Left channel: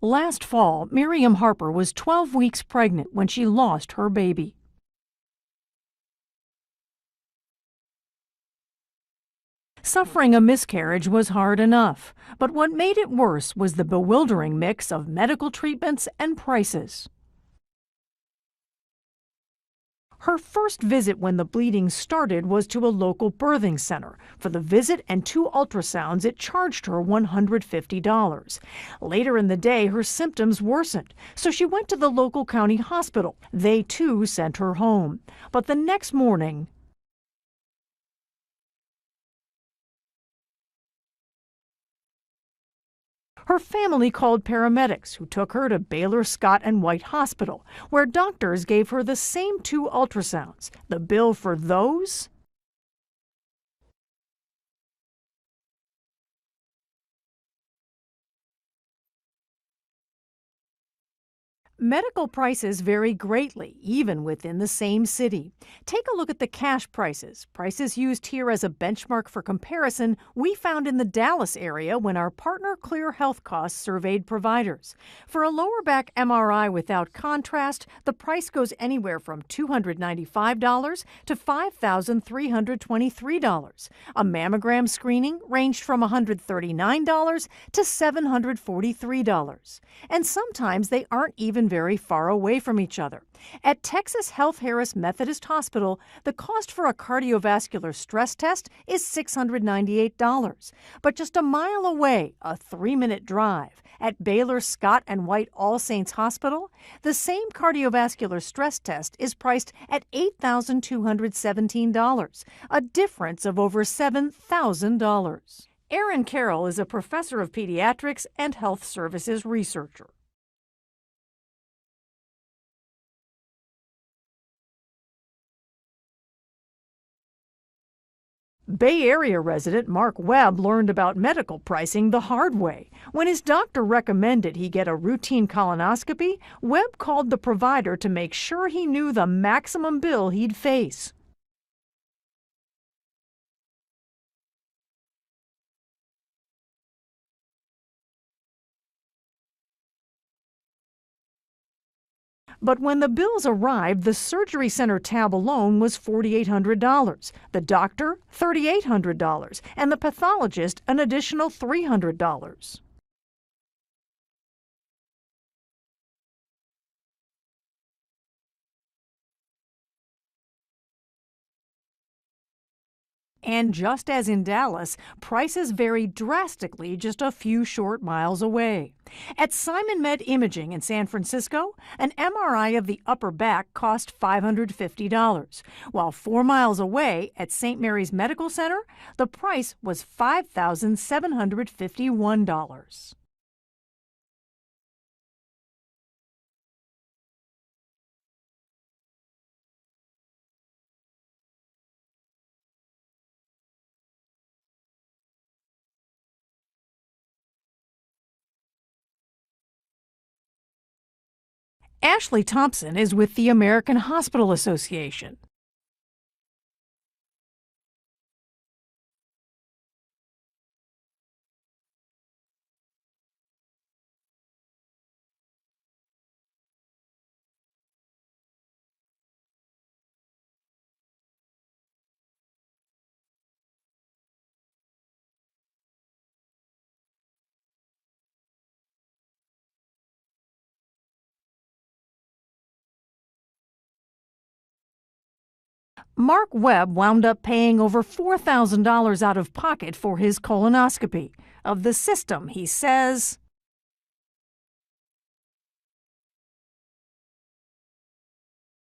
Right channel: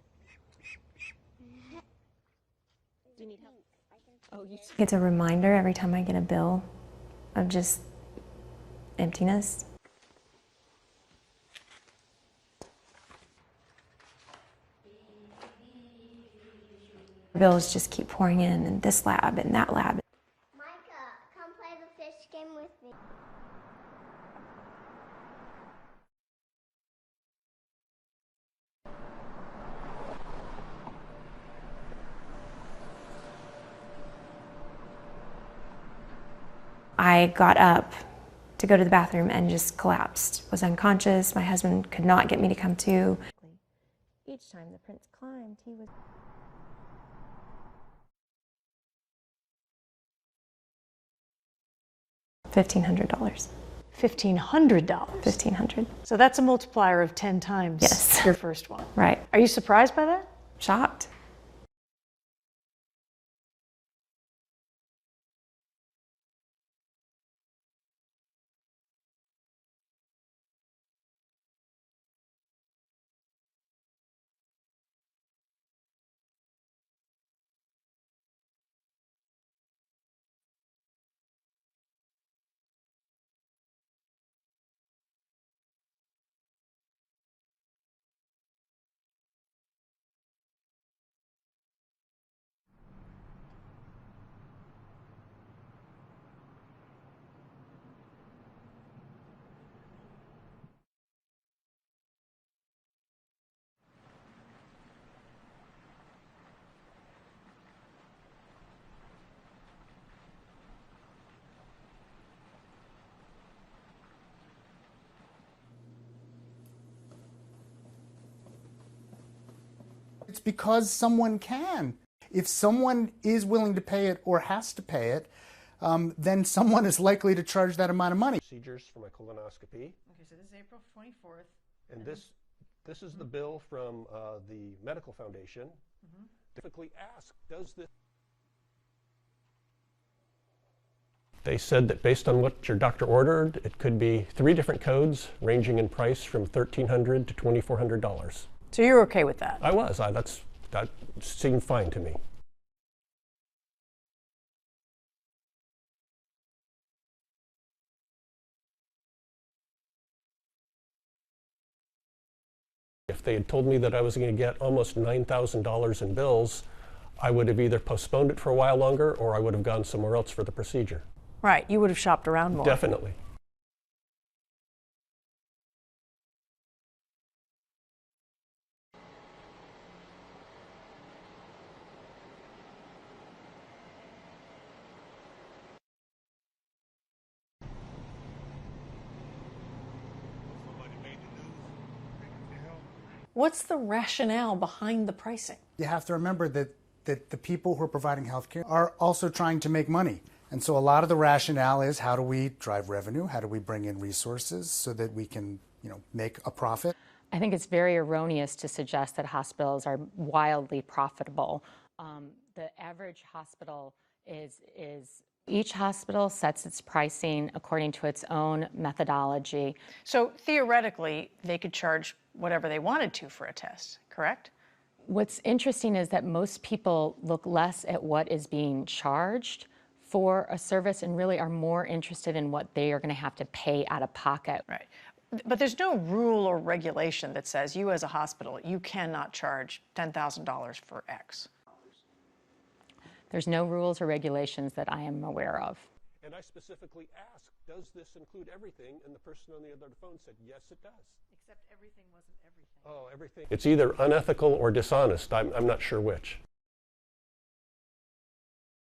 Last fall, Miriam Harper was 12 weeks pregnant when she lost her baby. It's a reminder every time I get a bill of just emptiness. Suffering a miscarriage was hard enough, but what made it worse was the bewildering mix of medical treatments and prices. Bills just keep pouring in, and this lab and that lab. Her first visit when the bleeding started was to a local birthing center. For the visit and 2 ultrasounds, it charged her $150. Later in the day, her symptoms worsened, so she went to the local county hospital. They too sent her home. But the next morning, I got up to go to the bathroom and just collapsed. Was unconscious. My husband could not get me to come to. her family called paramedics who took her to Baylor Scott and White Hospital, where doctors gave her the same 2 ultrasounds. The bill for those? $1,500. $1,500. $1,500. So that's a multiplier of 10 times Yes. your first one. Right. Are you surprised by that? Shocked. Medical prices vary greatly, even within the same city. Take a look at the cash prices. Prices used here as a benchmark for comparison we found in the Dallas area when our partner Clear Health Costs surveyed providers. For a lower back MRI without contrast, the price goes anywhere from $295 to $5,323. A mammogram screening ranged from $139 to $743. And sometimes they aren't even very far away from each other. At Texas Health Harris Methodist Hospital, the cost for a cardiovascular stress test is $698. But just a mile away, a 3-minute drive, at Baylor Scott and White All Saints Hospital, the same cardiovascular stress test is priced at $8,217, a difference of over $7,000. Aaron Carroll is a professor of pediatrics and health services researcher. It's because someone can. If someone is willing to pay it or has to pay it, then someone is likely to charge that amount of money. Bay Area resident Mark Webb learned about medical pricing the hard way. When his doctor recommended he get a routine colonoscopy, Webb called the provider to make sure he knew the maximum bill he'd face. They said that based on what your doctor ordered, it could be 3 different codes ranging in price from $1,300 to $2,400. So you're okay with that? I was. That seemed fine to me. But when the bills arrived, the surgery center tab alone was $4,800, the doctor $3,800, and the pathologist an additional $300. If they had told me that I was going to get almost $9,000 in bills, I would have either postponed it for a while longer or I would have gone somewhere else for the procedure. Right, you would have shopped around more. Definitely. And just as in Dallas, prices vary drastically just a few short miles away. At Simon Med Imaging in San Francisco, an MRI of the upper back cost $550, while 4 miles away at St. Mary's Medical Center, the price was $5,751. What's the rationale behind the pricing? You have to remember that the people who are providing health care are also trying to make money. And so a lot of the rationale is, how do we drive revenue? How do we bring in resources so that we can, make a profit? I think it's very erroneous to suggest that hospitals are wildly profitable. Ashley Thompson is with the American Hospital Association. Each hospital sets its pricing according to its own methodology. So theoretically, they could charge whatever they wanted to for a test, correct? What's interesting is that most people look less at what is being charged for a service and really are more interested in what they are going to have to pay out of pocket. Right. But there's no rule or regulation that says you as a hospital, you cannot charge $10,000 for X. There's no rules or regulations that I am aware of. Mark Webb wound up paying over $4,000 out of pocket for his colonoscopy. Of the system, he says, It's either unethical or dishonest. I'm not sure which.